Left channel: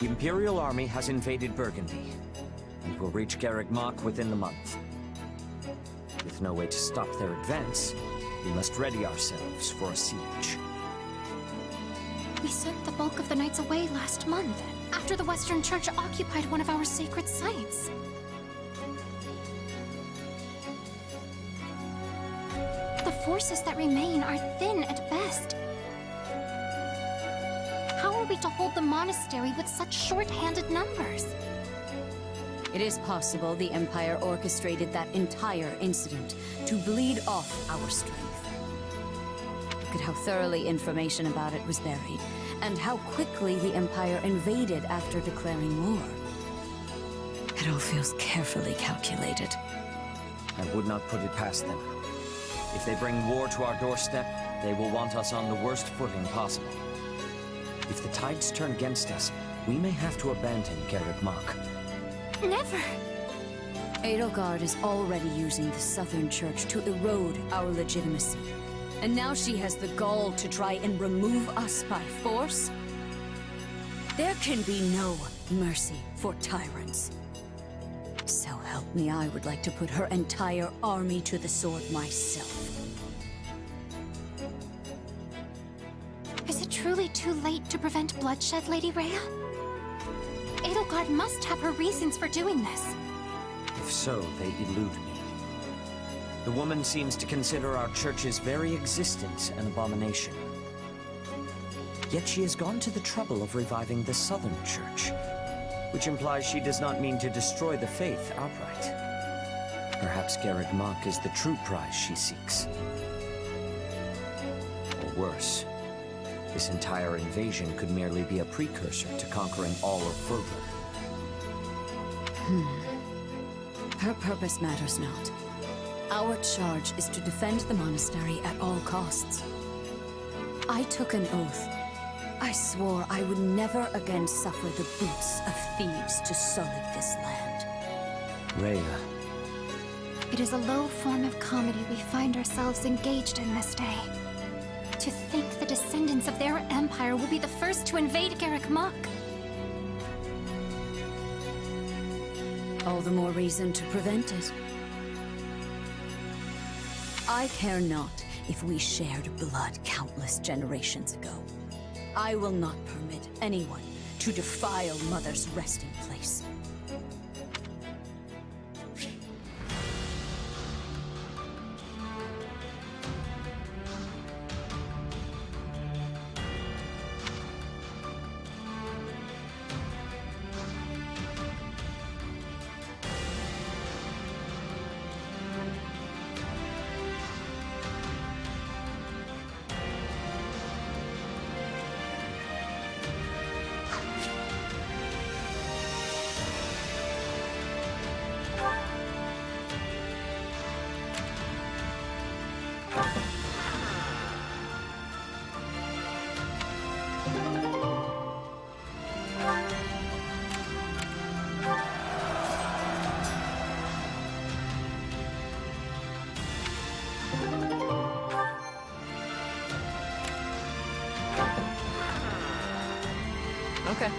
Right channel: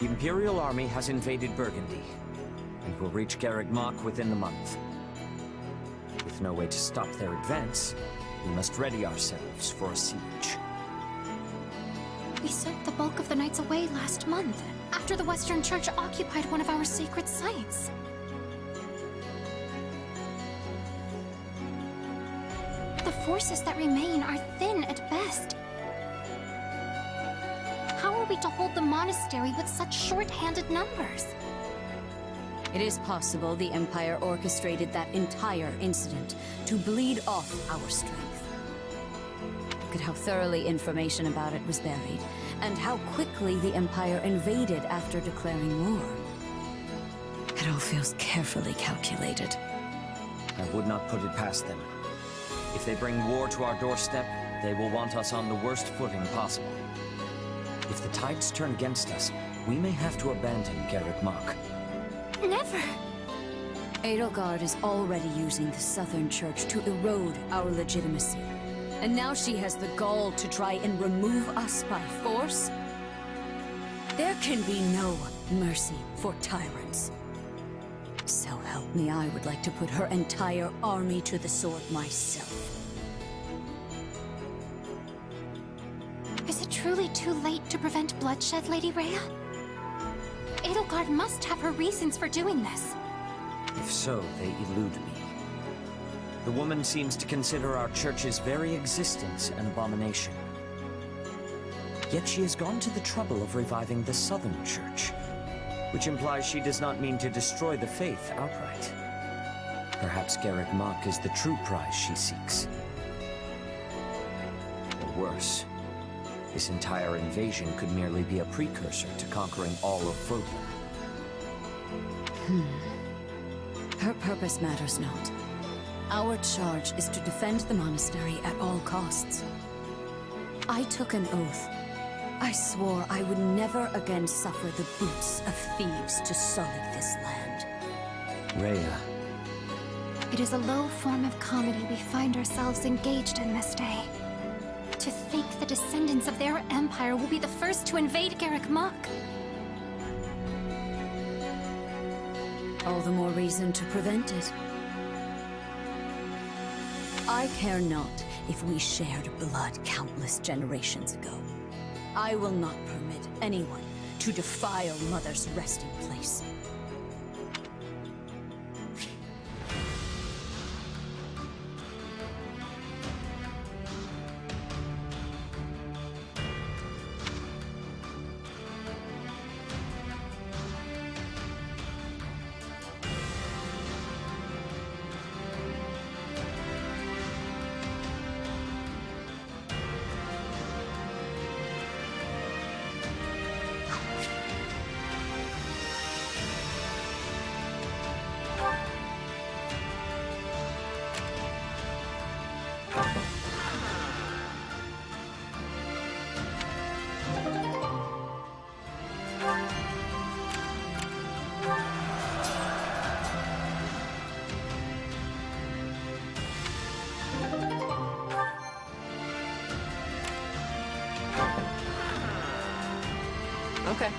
The Imperial army has invaded Burgundy, and will reach Garreg March within the month. With no way to stop their advance, we must ready ourselves for a siege. We sent the bulk of the knights away last month, after the Western Church occupied one of our sacred sites. The forces that remain are thin at best. How are we to hold the monastery with such short-handed numbers? It is possible the Empire orchestrated that entire incident to bleed off our strength. Look at how thoroughly information about it was buried, and how quickly the Empire invaded after declaring war. It all feels carefully calculated. I would not put it past them. If they bring war to our doorstep, they will want us on the worst footing possible. If the tides turn against us, we may have to abandon Garreg March. Never! Edelgard is already using the Southern Church to erode our legitimacy. And now she has the gall to try and remove us by force? There can be no mercy for tyrants. So help me, I would like to put her entire army to the sword myself. Is it truly too late to prevent bloodshed, Lady Rhea? Edelgard must have her reasons for doing this. If so, they elude me. The woman seems to consider our church's very existence an abomination. Yet she has gone to the trouble of reviving the Southern Church, which implies she does not mean to destroy the faith outright. Perhaps Garreg March is the true prize she seeks. Or worse, this entire invasion could merely be a precursor to conquering all of Fodlan. Her purpose matters not. Our charge is to defend the monastery at all costs. I took an oath. I swore I would never again suffer the boots of thieves to sully this land. Rhea. It is a low form of comedy we find ourselves engaged in this day. To think the descendants of their empire will be the first to invade Garreg March. All the more reason to prevent it. I care not if we shared blood countless generations ago. I will not permit anyone to defile Mother's resting place. Okay.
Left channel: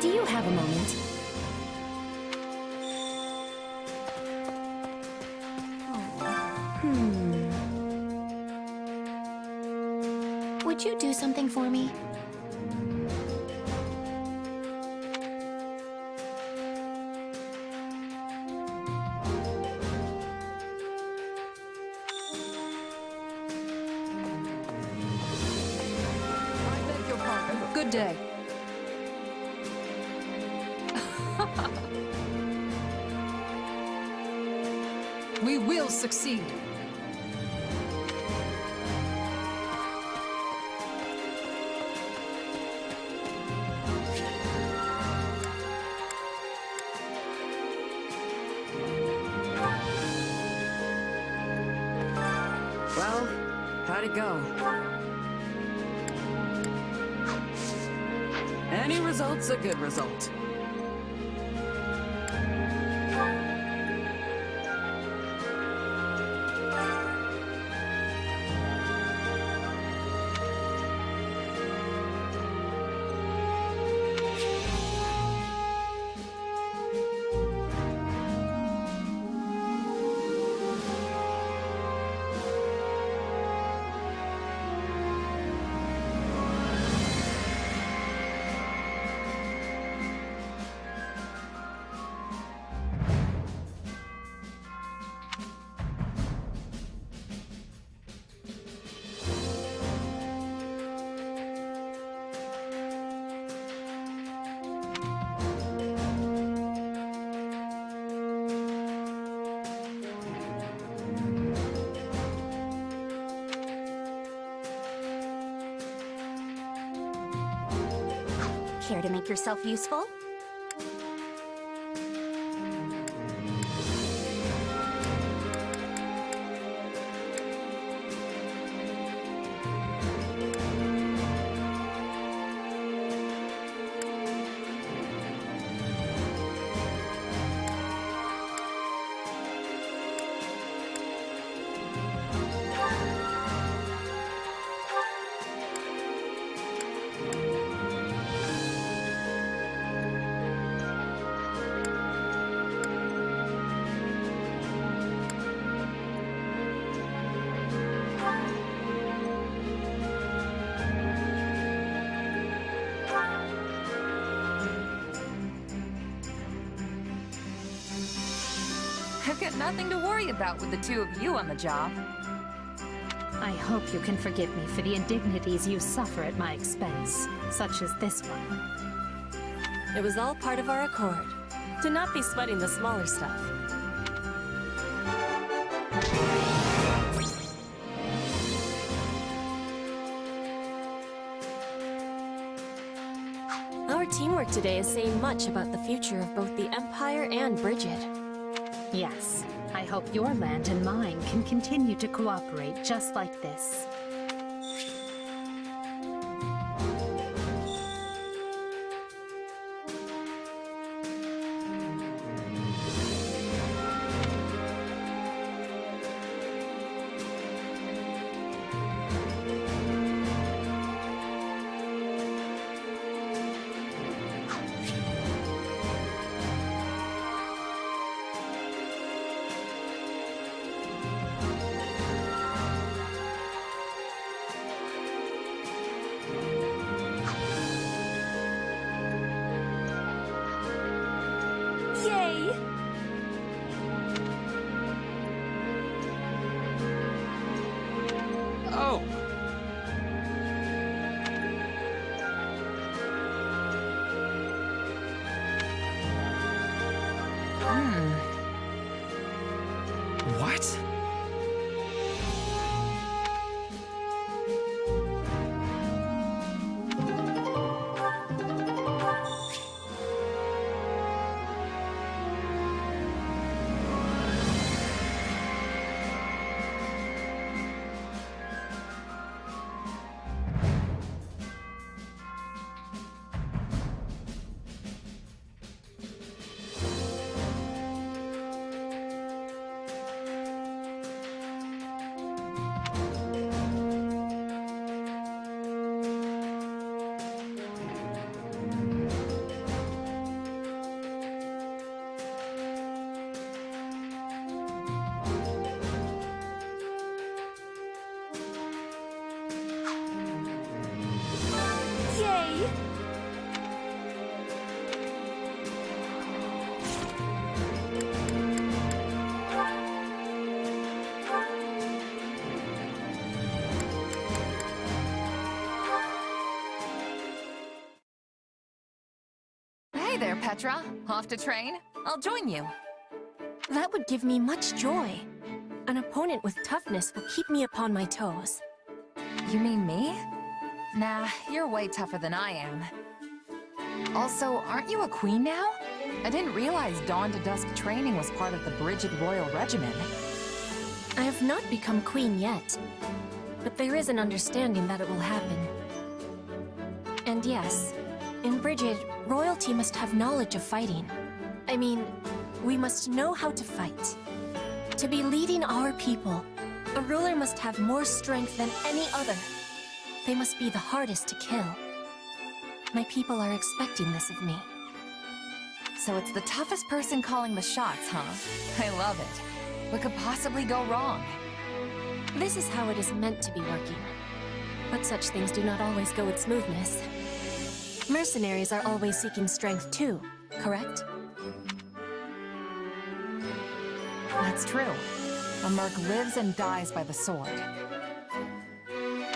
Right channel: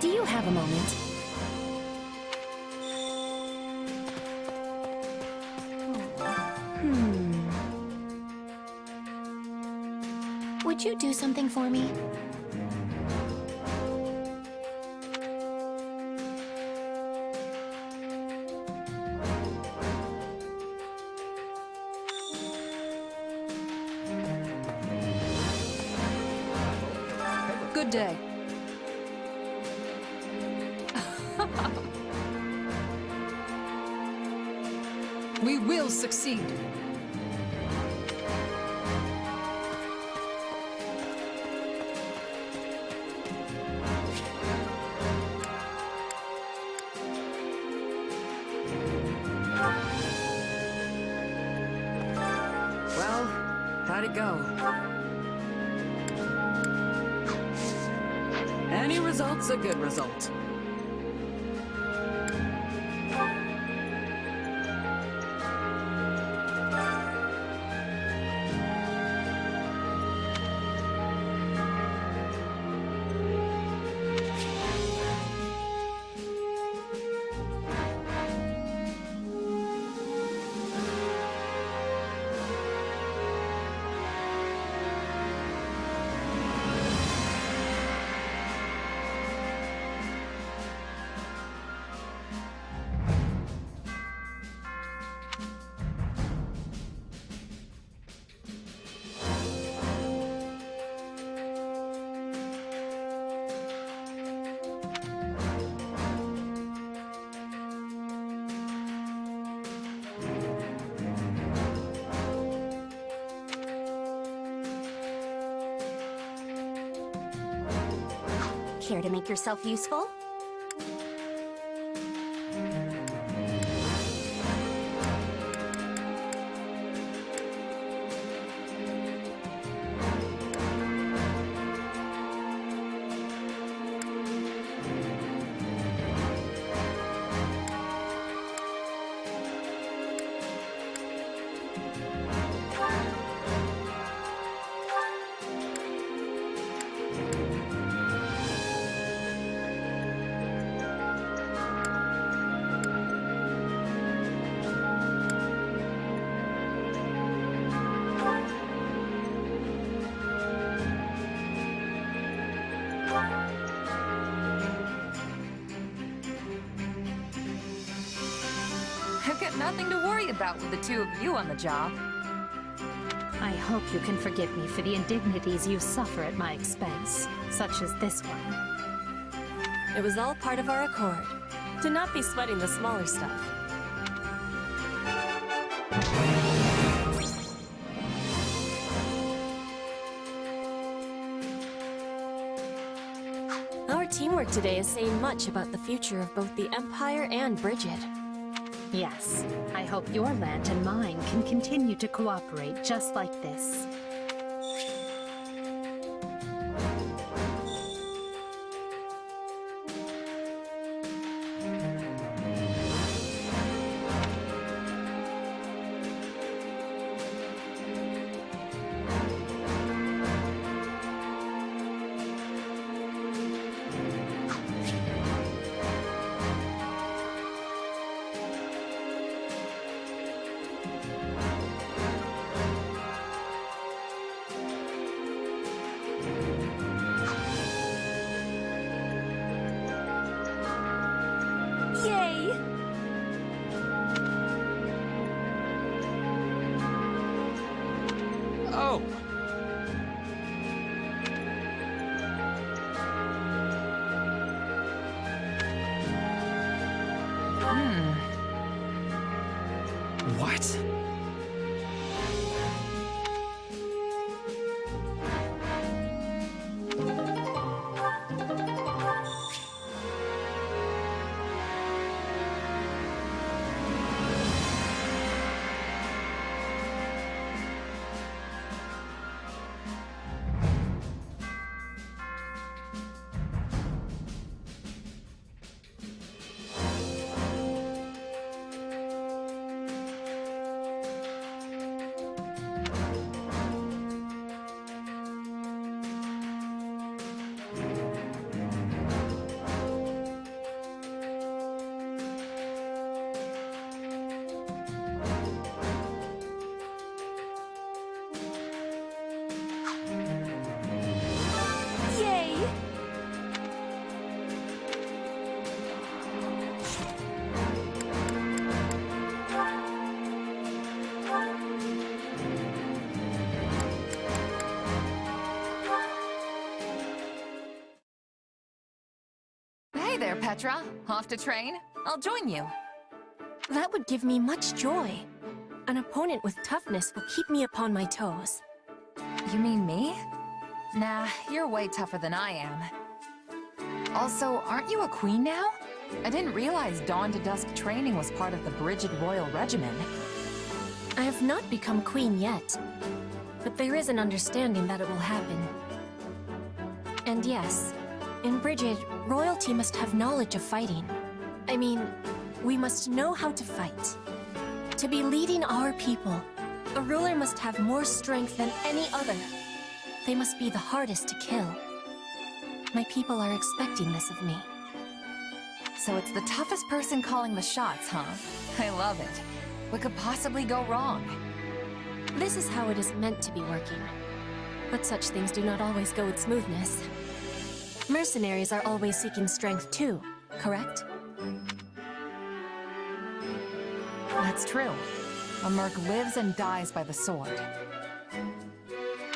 Do you have a moment? Would you do something for me? Good day. We will succeed. Well, how'd it go? Any result's a good result. Care to make yourself useful? I've got nothing to worry about with the two of you on the job. I hope you can forgive me for the indignities you suffer at my expense, such as this one. It was all part of our accord. To not be sweating the smaller stuff. Our teamwork today is saying much about the future of both the Empire and Bridget. Yes, I hope your land and mine can continue to cooperate just like this. Yay! Oh! What? Yay! Hey there, Petra. Off to train? I'll join you. That would give me much joy. An opponent with toughness will keep me upon my toes. You mean me? Nah, you're way tougher than I am. Also, aren't you a queen now? I didn't realize dawn to dusk training was part of the Bridget Royal Regimen. I have not become queen yet, but there is an understanding that it will happen. And yes, in Brigid, royalty must have knowledge of fighting. I mean, we must know how to fight. To be leading our people, a ruler must have more strength than any other. They must be the hardest to kill. My people are expecting this of me. So it's the toughest person calling the shots, huh? I love it. What could possibly go wrong? This is how it is meant to be working. But such things do not always go with smoothness. Mercenaries are always seeking strength too, correct? That's true. A merc lives and dies by the sword.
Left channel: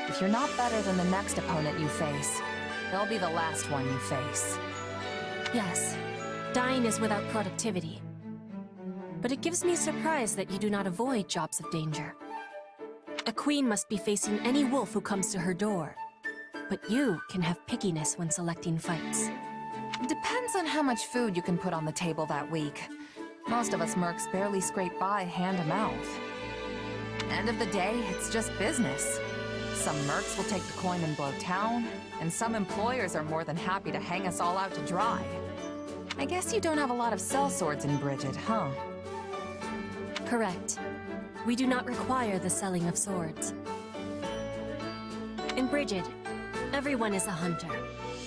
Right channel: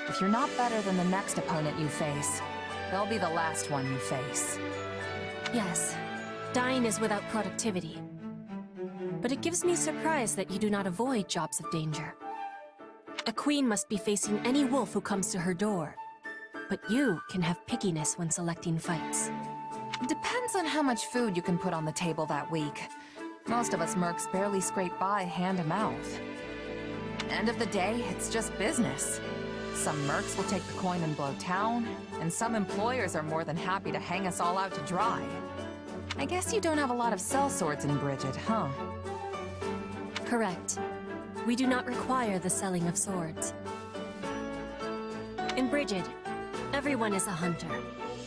If you're not better than the next opponent you face, they'll be the last one you face. Yes, dying is without productivity. But it gives me surprise that you do not avoid jobs of danger. A queen must be facing any wolf who comes to her door. But you can have pickiness when selecting fights. Depends on how much food you can put on the table that week. Most of us mercs barely scrape by hand to mouth. End of the day, it's just business. Some mercs will take the coin and blow town, and some employers are more than happy to hang us all out to dry. I guess you don't have a lot of sellswords in Brigid, huh? Correct. We do not require the selling of swords. In Brigid, everyone is a hunter.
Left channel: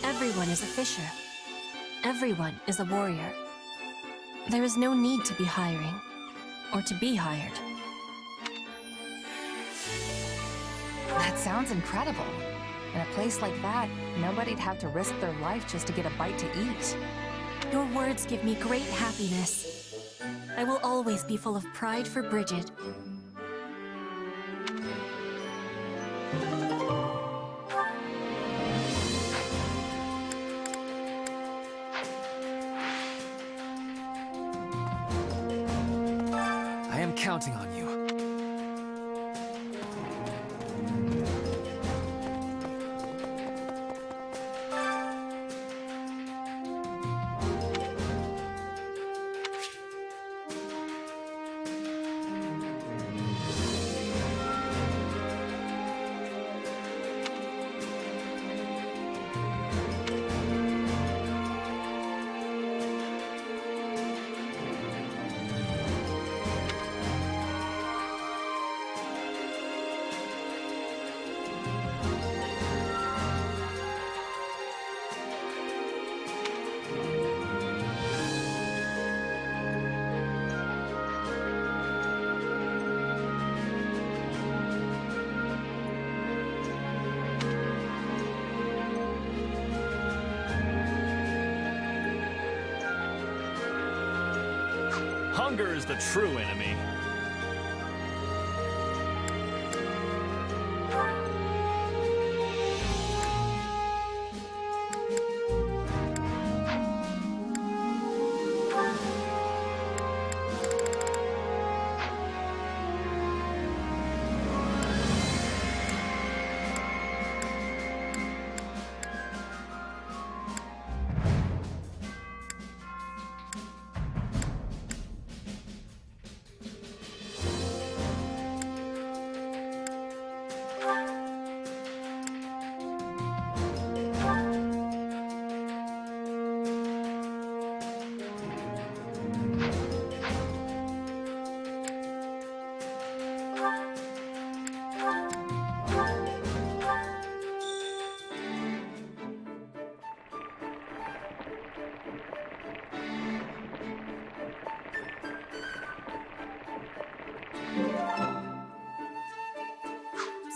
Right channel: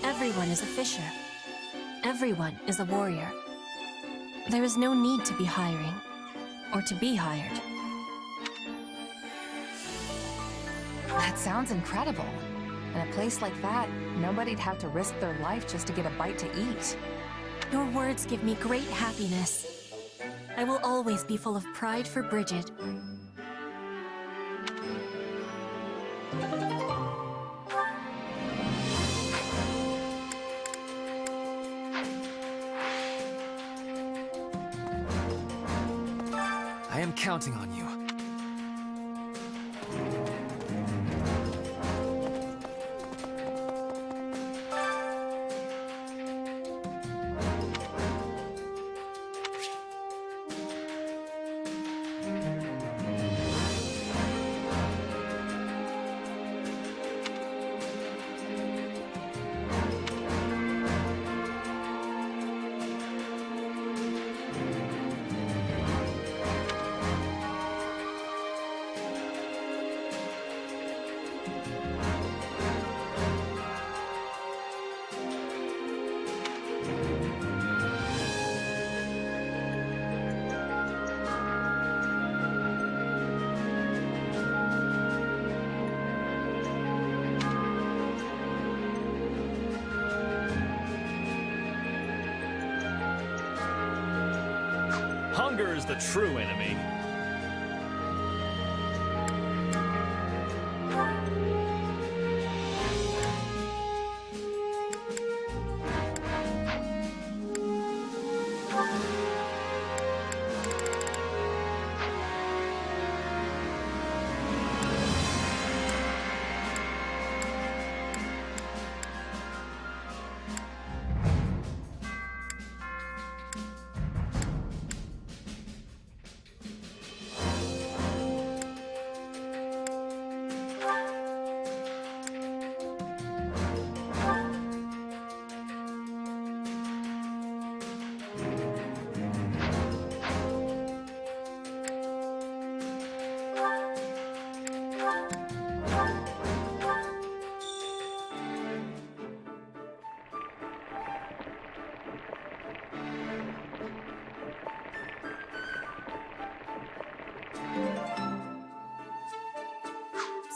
Everyone is a fisher. Everyone is a warrior. There is no need to be hiring, or to be hired. That sounds incredible. In a place like that, nobody'd have to risk their life just to get a bite to eat. Your words give me great happiness. I will always be full of pride for Brigid. I am counting on you. Hunger is the true enemy.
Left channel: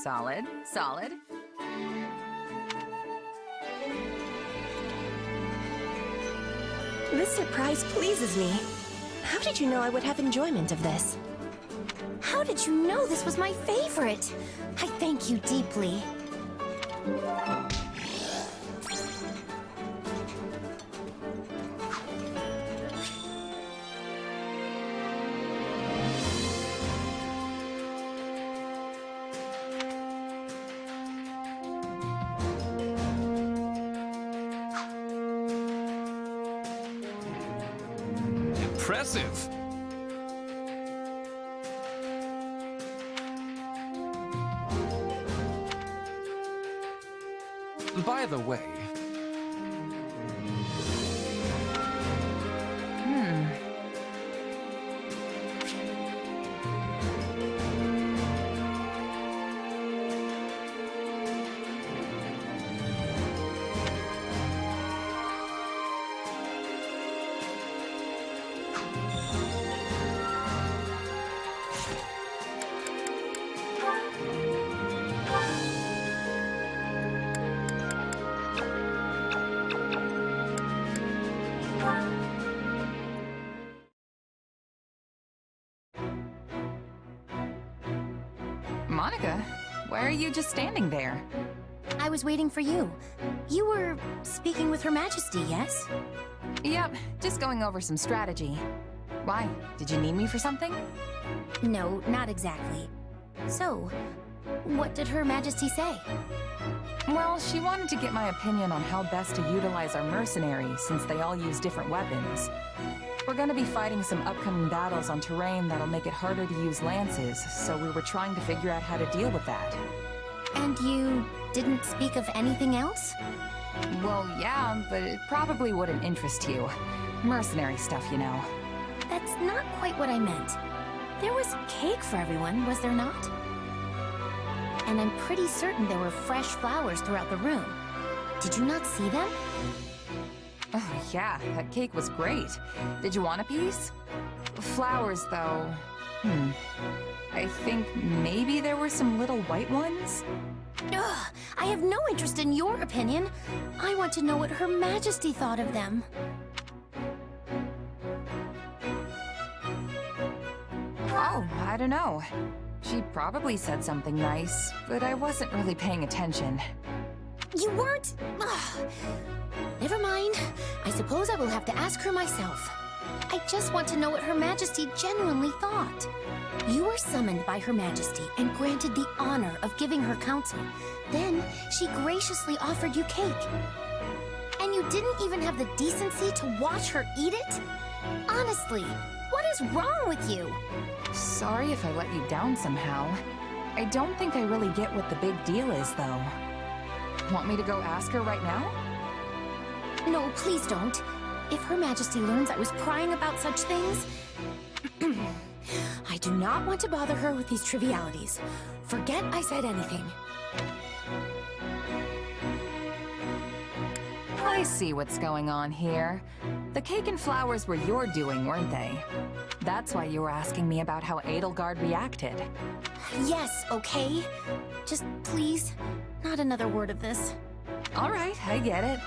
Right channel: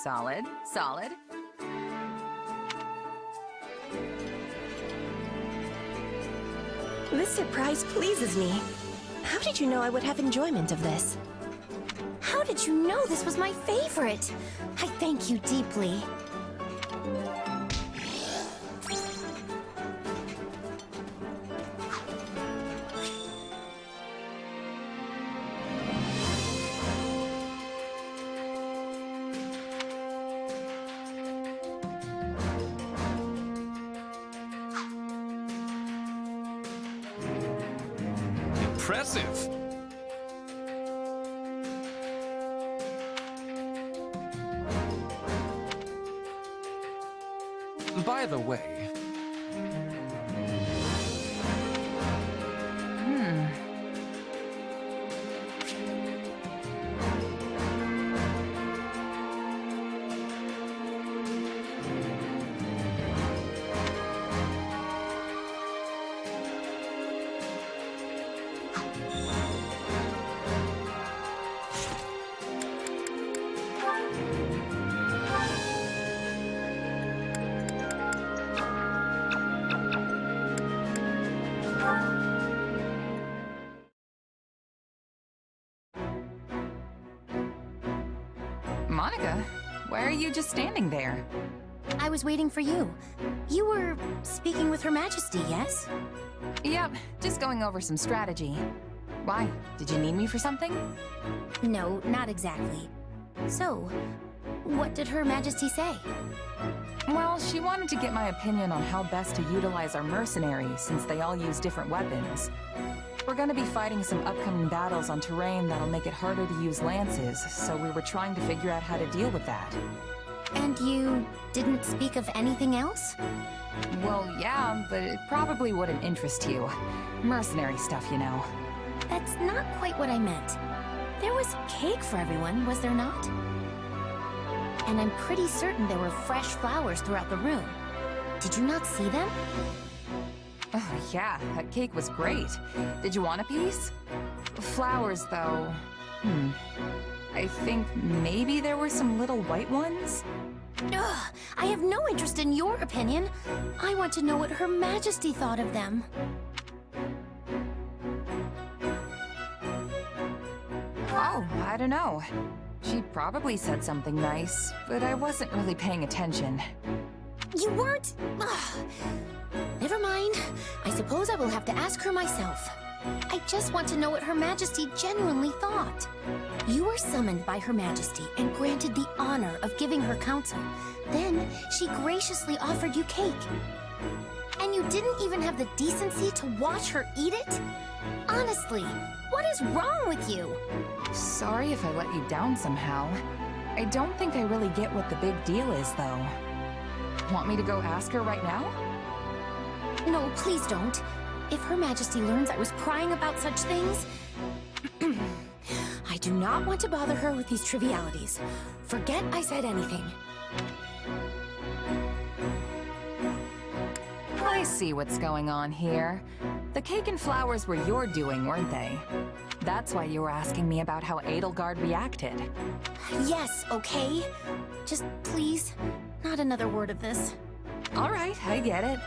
Solid, solid. This surprise pleases me. How did you know I would have enjoyment of this? How did you know this was my favorite? I thank you deeply. Impressive! By the way, Monica, why are you just standing there? I was waiting for you. You were speaking with Her Majesty, yes? Yep, just going over some strategy. Why? Did you need me for something? No, not exactly. So, what did Her Majesty say? Well, she wanted to get my opinion on how best to utilize our mercenaries, since they all use different weapons. We're gonna be fighting some upcoming battles on terrain that'll make it harder to use lances, so we were trying to figure out how to deal with that. And you didn't speak of anything else? Well, yeah, but it probably wouldn't interest you. Mercenary stuff, you know. That's not quite what I meant. There was cake for everyone, was there not? And I'm pretty certain there were fresh flowers throughout the room. Did you not see them? Oh, yeah, that cake was great. Did you want a piece? Flowers, though. I think maybe there were some little white ones? Ugh, I have no interest in your opinion. I want to know what Her Majesty thought of them. Oh, I don't know. She probably said something nice, but I wasn't really paying attention. You weren't? Ugh. Never mind. I suppose I will have to ask her myself. I just want to know what Her Majesty genuinely thought. You were summoned by Her Majesty and granted the honor of giving her counsel. Then, she graciously offered you cake. And you didn't even have the decency to watch her eat it? Honestly, what is wrong with you? Sorry if I let you down somehow. I don't think I really get what the big deal is, though. Want me to go ask her right now? No, please don't. If Her Majesty learns I was prying about such things... I do not want to bother her with these trivialities. Forget I said anything. I see what's going on here. The cake and flowers were your doing, weren't they? That's why you were asking me about how Edelgard reacted. Yes, okay? Just please, not another word of this. All right, I get it.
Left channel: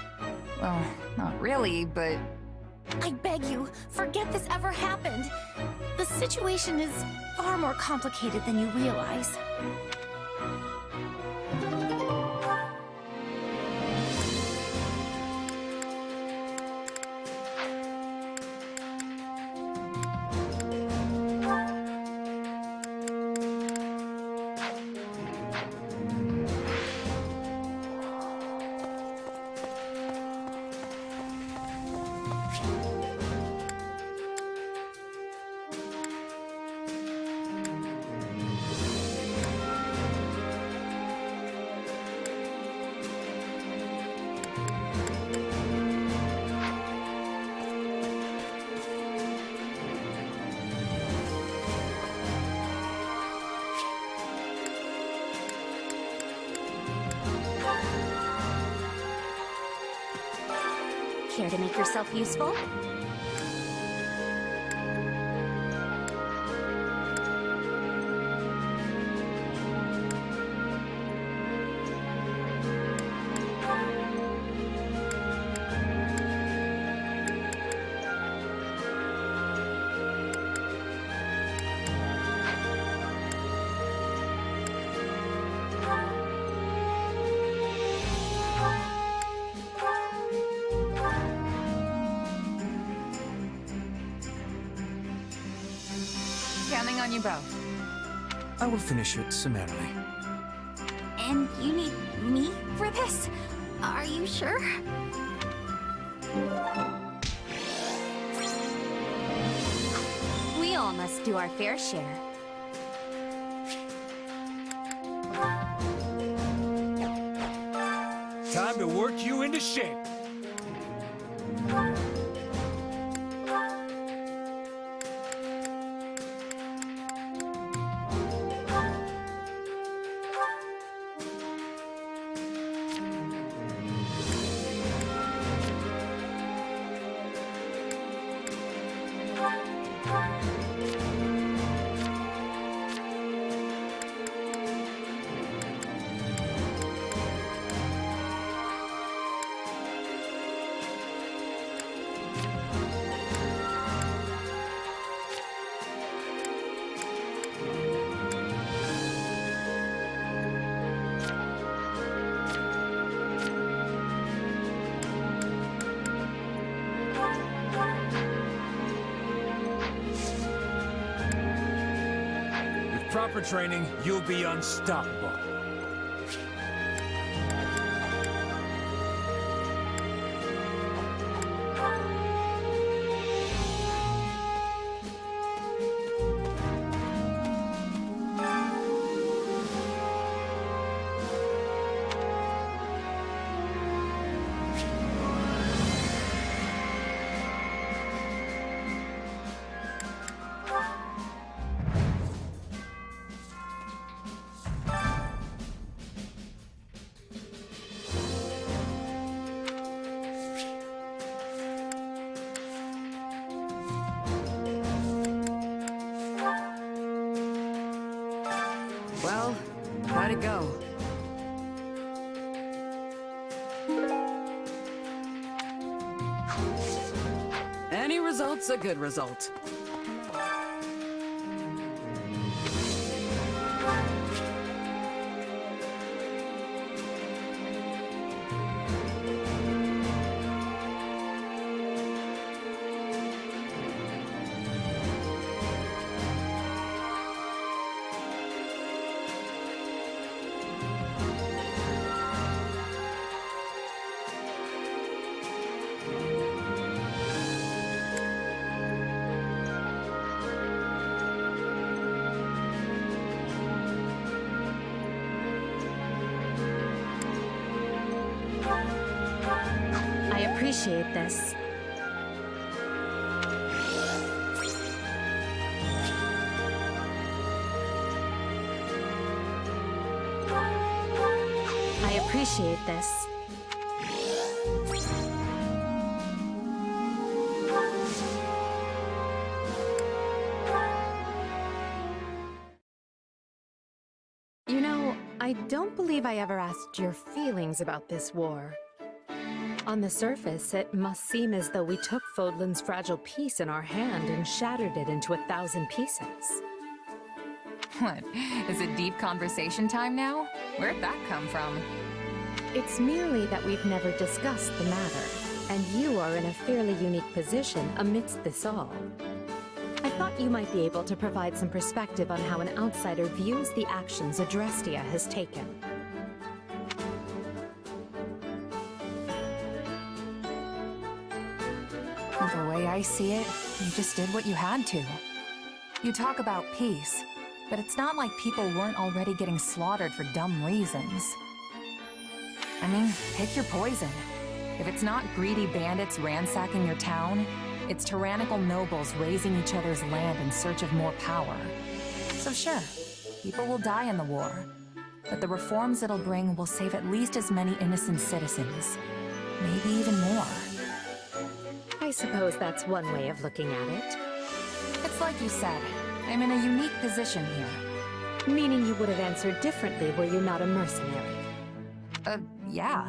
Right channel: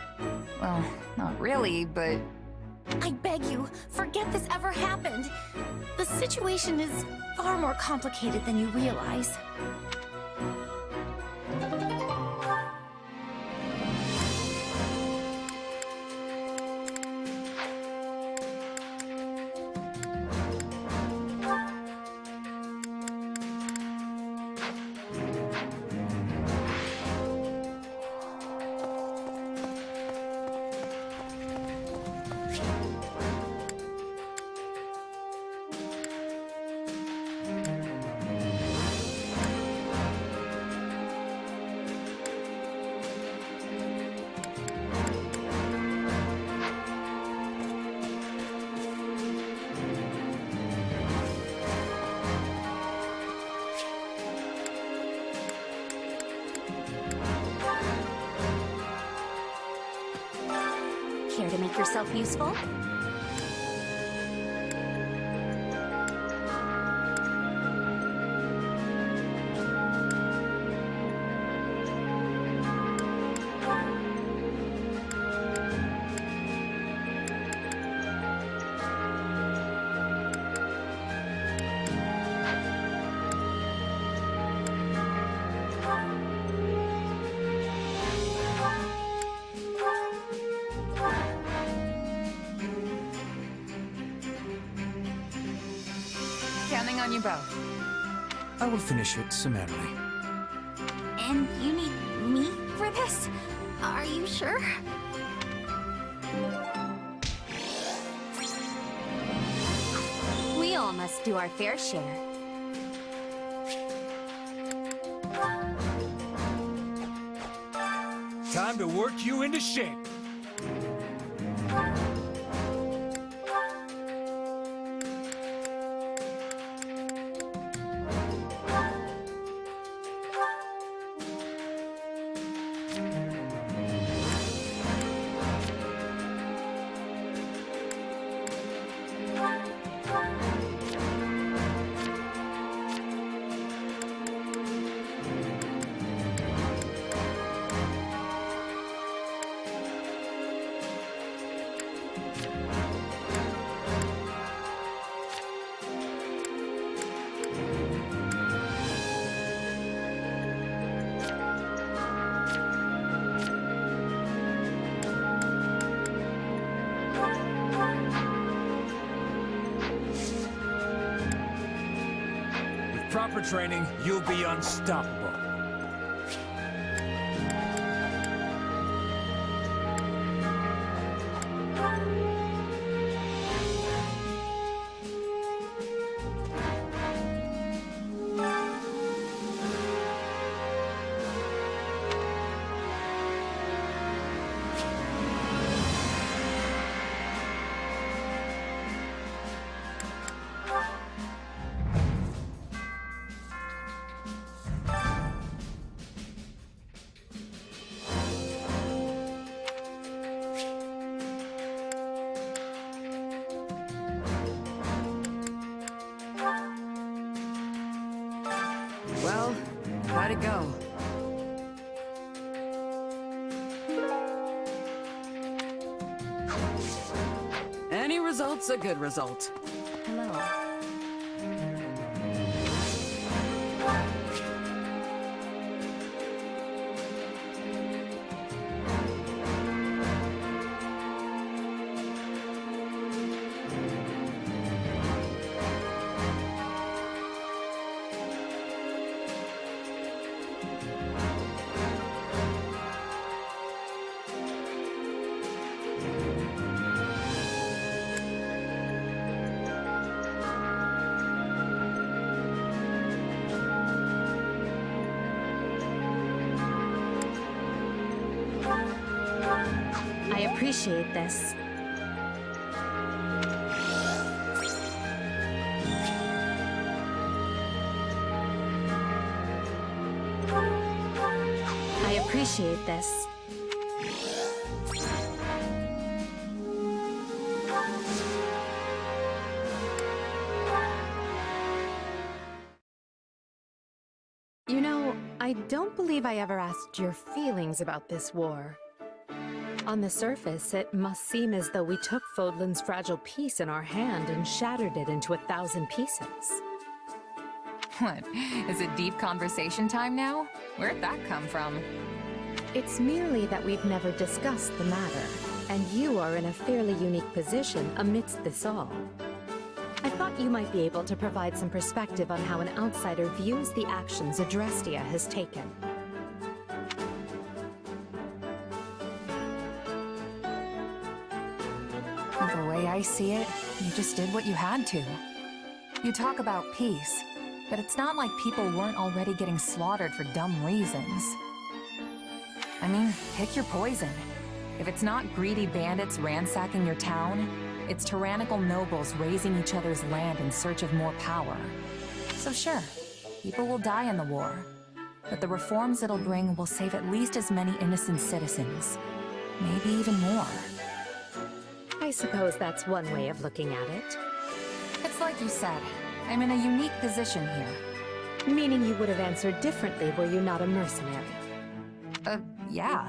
Well, not really, but... I beg you, forget this ever happened. The situation is far more complicated than you realize. Care to make yourself useful? Counting on you both. I will finish it summarily. And you need me for this? Are you sure? We all must do our fair share. Time to to work you into shape. With proper training, you'll be unstoppable. Well, how'd it go? Any result's a good result. I appreciate this. I appreciate this. You know, I don't believe I ever asked your feelings about this war. On the surface, it must seem as though we took Fodlan's fragile piece in our hand and shattered it into 1,000 pieces. What? Is it deep conversation time now? Where'd that come from? It's merely that we've never discussed the matter, and you are in a fairly unique position amidst this all. I thought you might be able to provide some perspective on how an outsider views the actions Adrestia has taken. The way I see it, you just did what you had to. You talk about peace, but it's not like people weren't already getting slaughtered for dumb reasons. I mean, pick your poison. If it's not greedy bandits ransacking your town, it's tyrannical nobles raising each other's land in search of more power. So sure, people will die in the war, but the reforms it'll bring will save at least as many innocent citizens. Maybe even more. I suppose that's one way of looking at it. It's like you said, I'm in a unique position here. Meaning you would have answered differently were you not a mercenary. Yeah.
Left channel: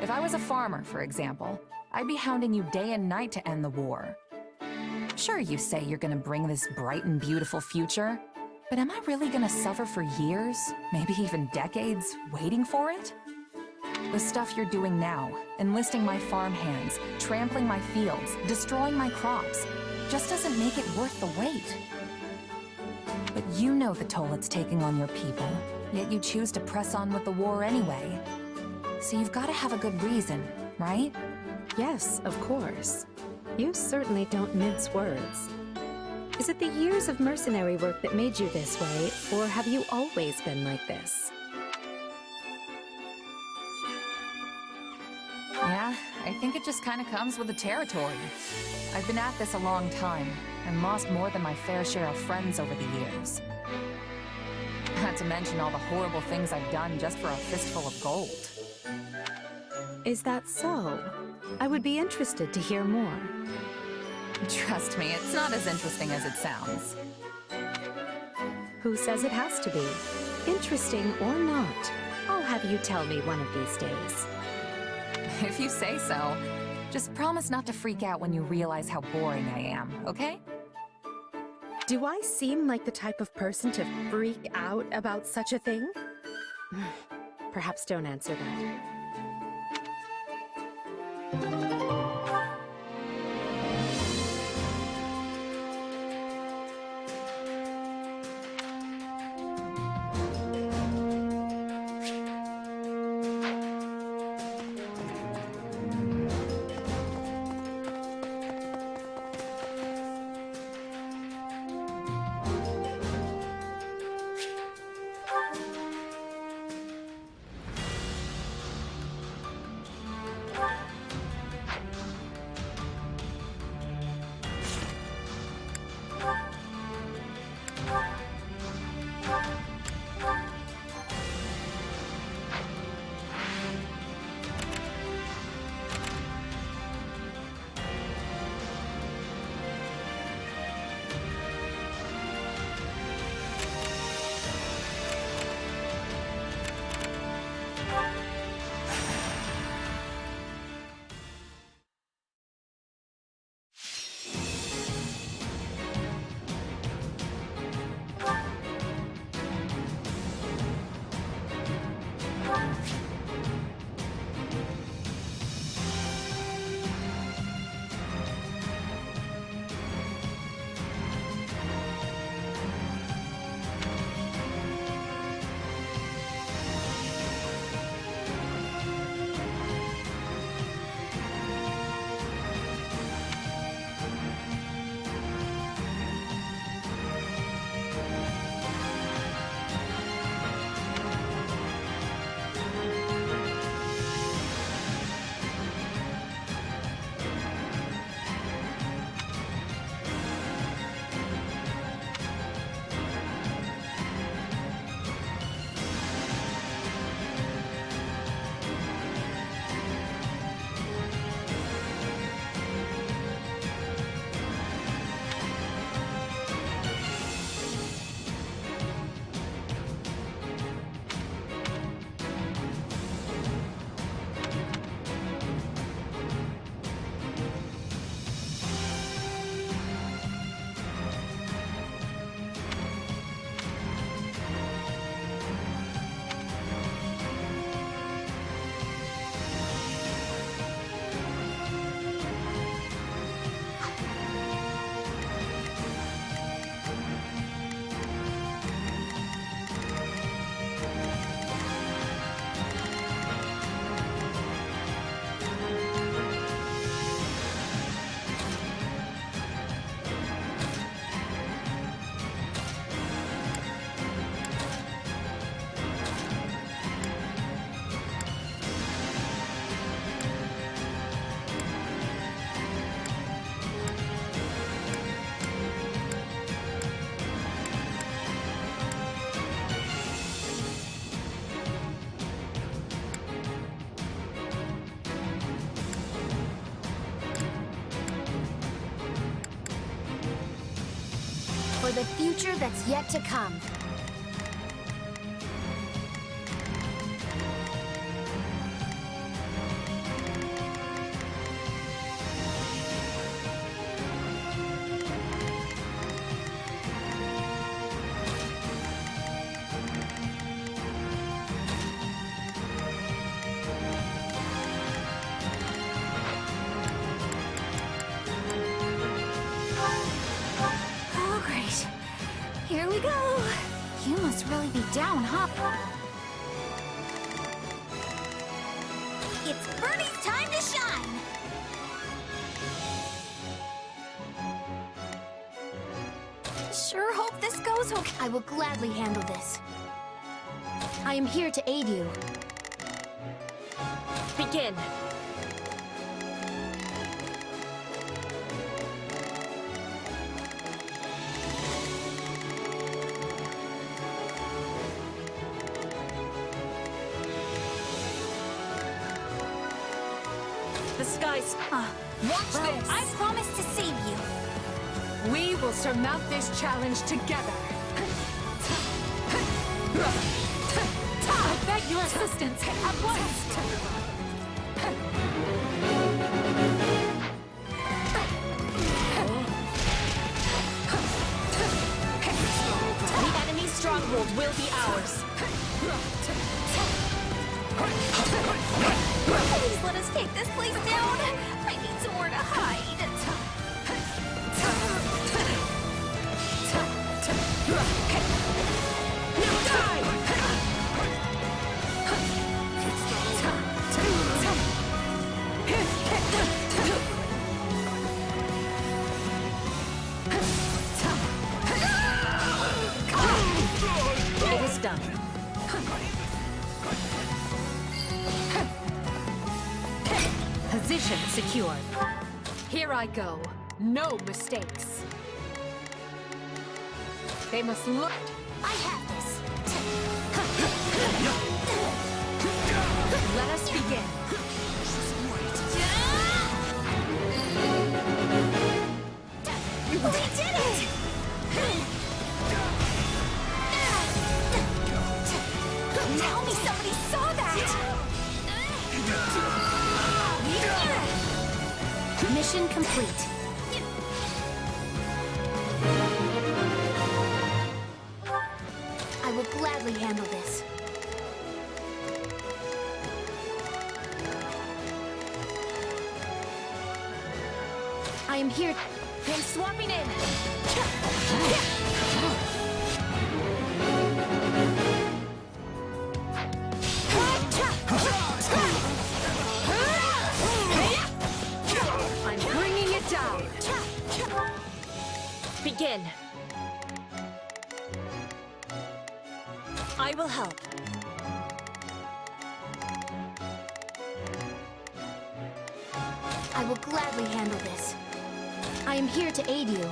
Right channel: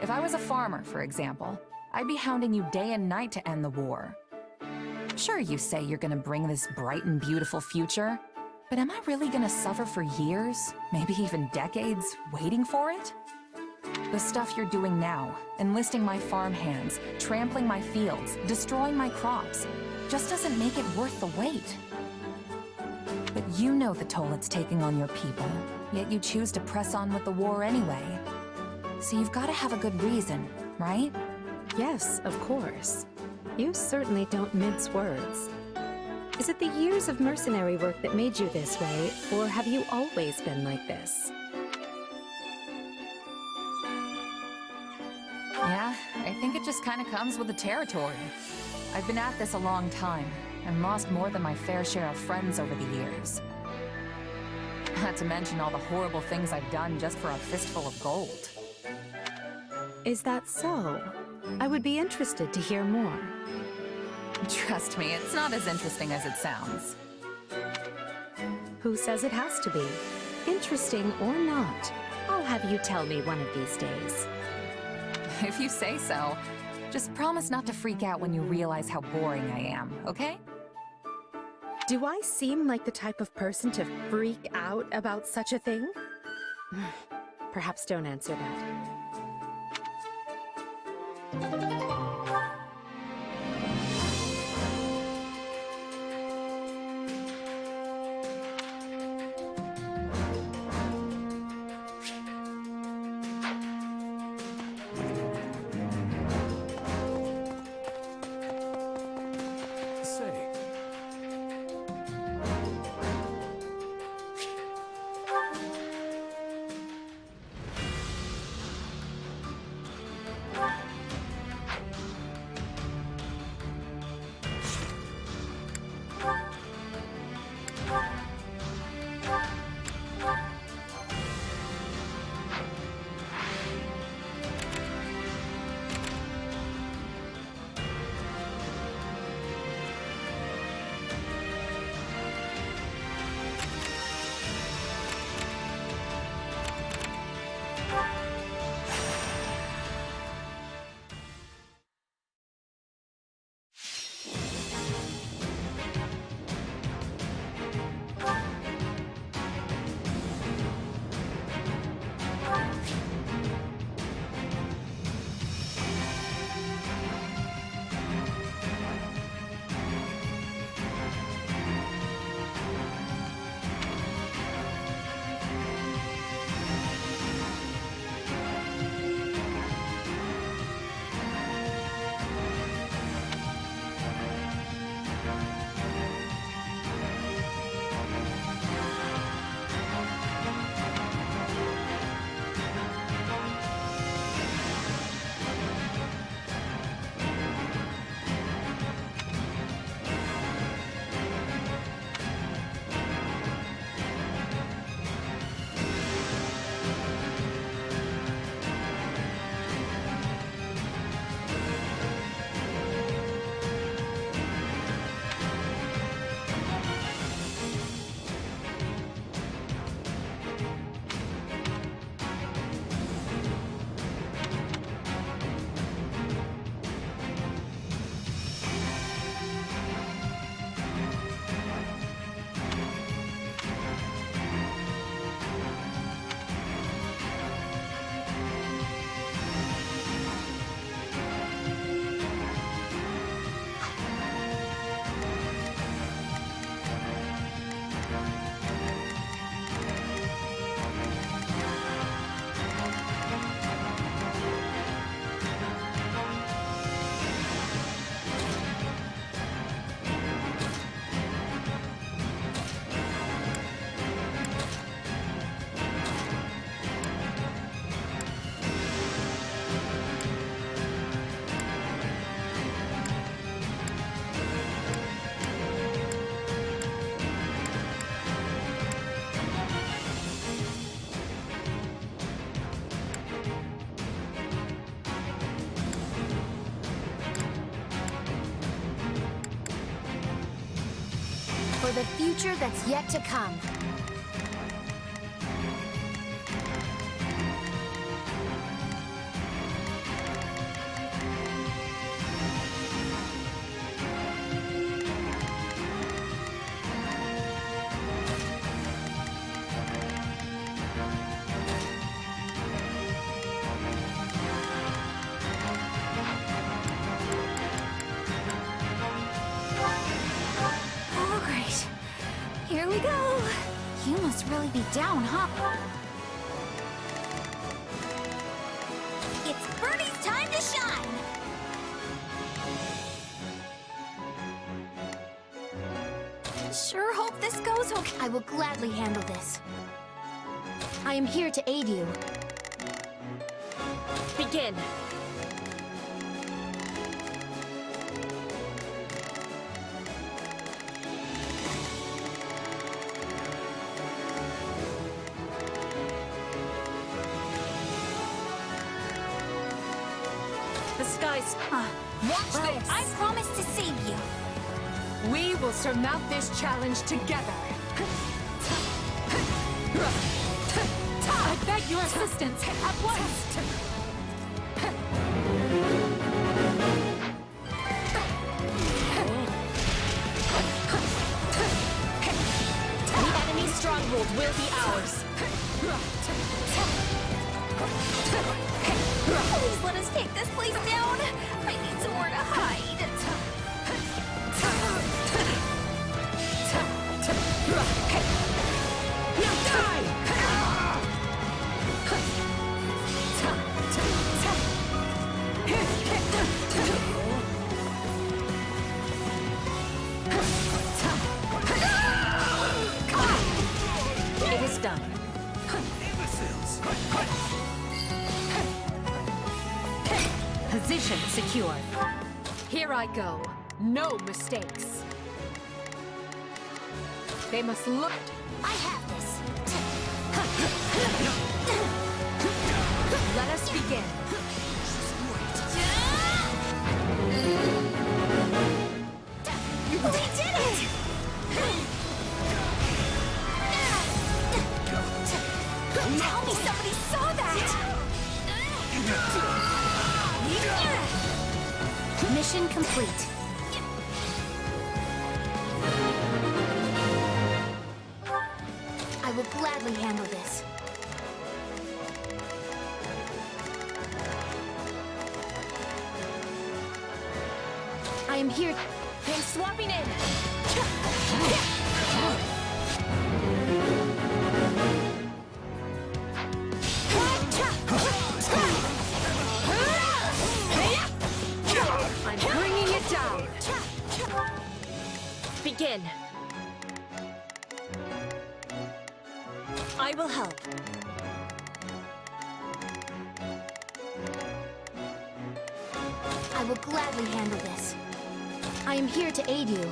If I was a farmer, for example, I'd be hounding you day and night to end the war. Sure, you say you're gonna bring this bright and beautiful future, but am I really gonna suffer for years, maybe even decades, waiting for it? The stuff you're doing now, enlisting my farmhands, trampling my fields, destroying my crops, just doesn't make it worth the wait. But you know the toll it's taking on your people, yet you choose to press on with the war anyway. So you've got to have a good reason, right? Yes, of course. You certainly don't mince words. Is it the years of mercenary work that made you this way, or have you always been like this? I think it just kind of comes with the territory. I've been at this a long time, and lost more than my fair share of friends over the years. Not to mention all the horrible things I've done just for a fistful of gold. Is that so? I would be interested to hear more. Trust me, it's not as interesting as it sounds. Who says it has to be? Interesting or not, I'll have you tell me one of these days. If you say so. Just promise not to freak out when you realize how boring I am, okay? Do I seem like the type of person to freak out about such a thing? Perhaps don't answer that. For the future that's yet to come. Here we go! You must really be down, huh? It's Birdie's time to shine! Sure hope this goes okay. I will gladly handle this. I am here to aid you. Begin. the skies. Watch this! I promise to save you. We will surmount this challenge together. I beg your assistance at once! The enemy's stronghold will be ours. Please let us take this place down. I need somewhere to hide. It is done. Position secured. Here I go. No mistakes. They must look. I have this. Let us begin. We did it! Tell me somebody saw that! Mission complete. I will gladly handle this. I am here. I'm swapping in. I'm bringing it down. Begin. I will help. I will gladly handle this. I am here to aid you.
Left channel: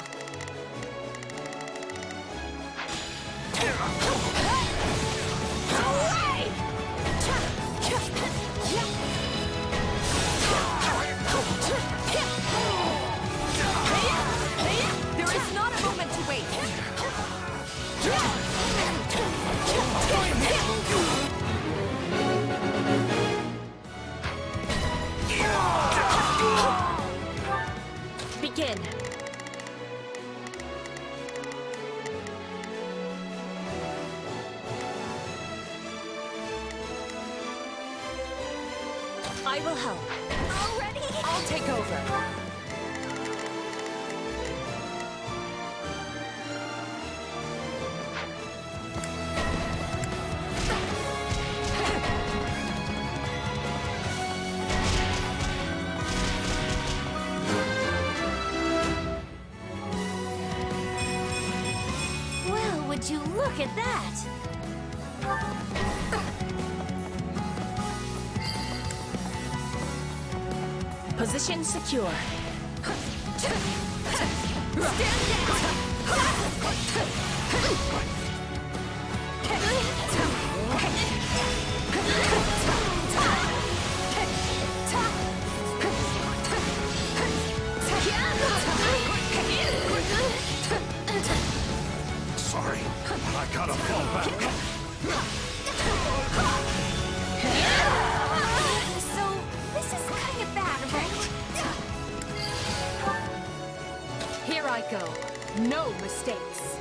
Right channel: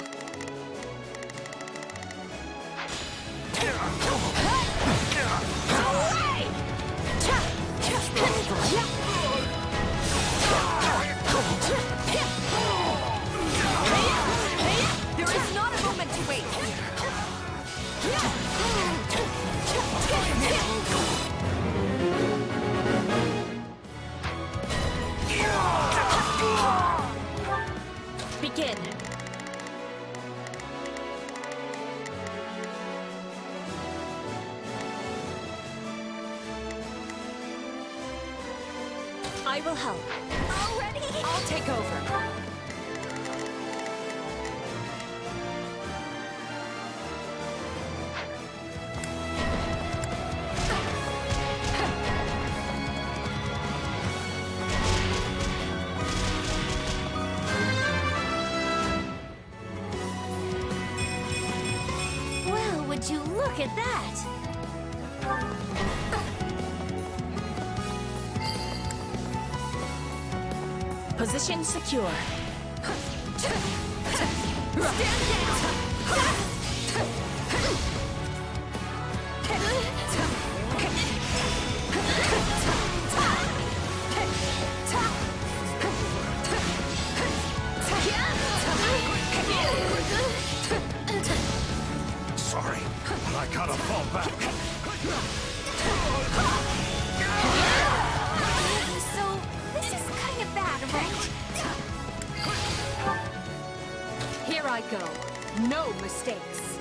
There is not a moment to wait. Begin. I will help. Already? I'll take over. Well, would you look at that? Position secure. Sorry, I gotta fall back. So, this is kind of bad, right? Here I go. No mistakes.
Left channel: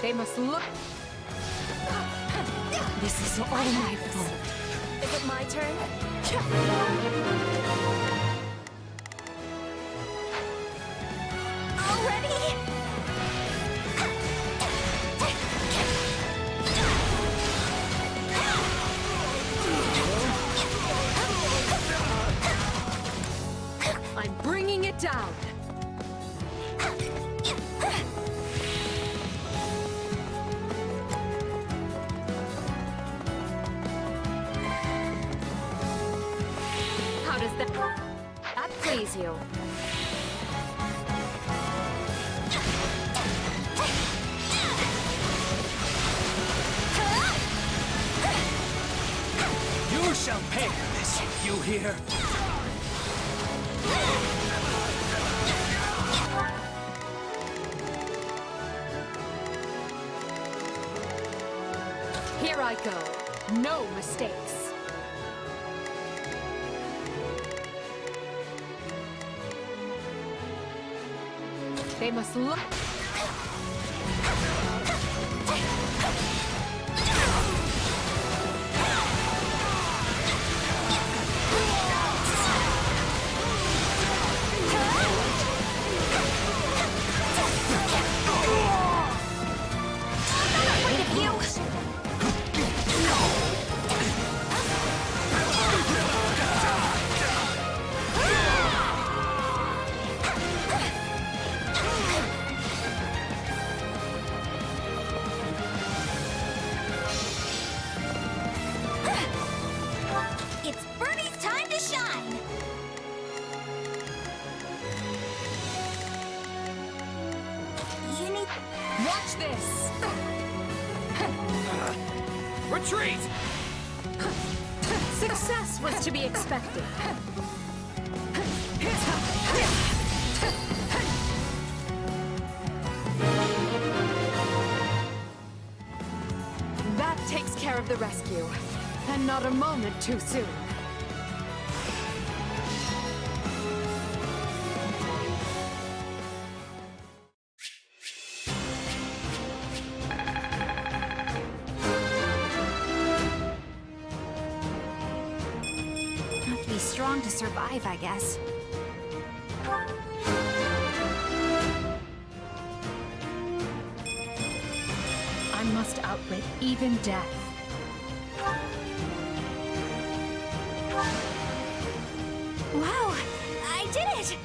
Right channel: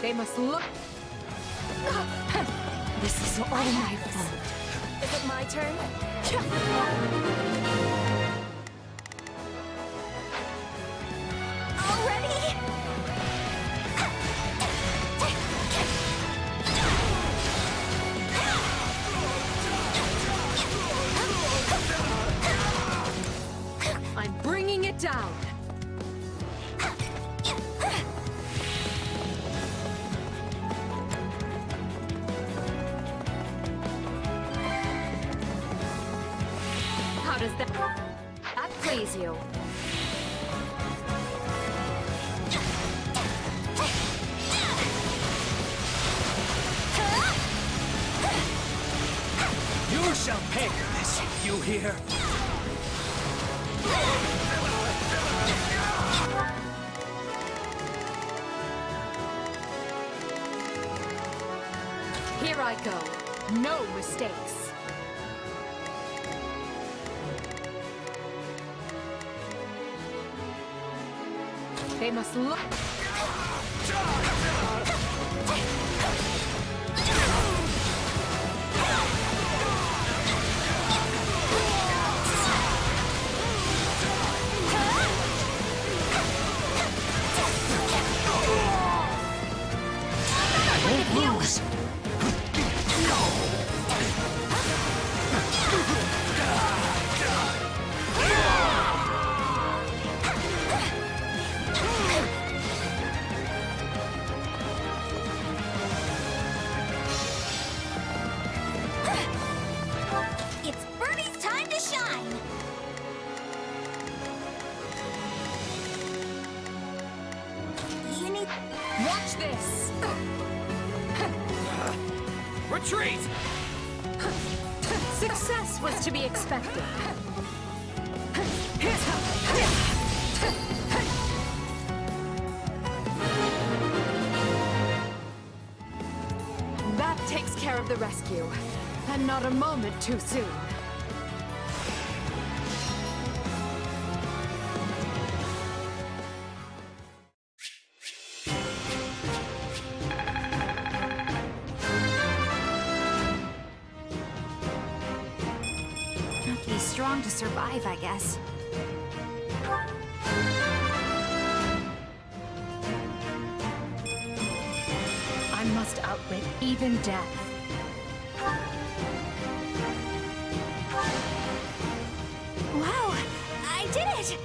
They must look. This is all my fault. Is it my turn? Already? I'm bringing it down. How does that please you? You shall pay for this, you hear? Here I go. No mistakes. They must look. It's Birdie's time to shine! You need... Watch this! Retreat! Success was to be expected. That takes care of the rescue. And not a moment too soon. Have to be strong to survive, I guess. I must outwit even death. Wow! I did it!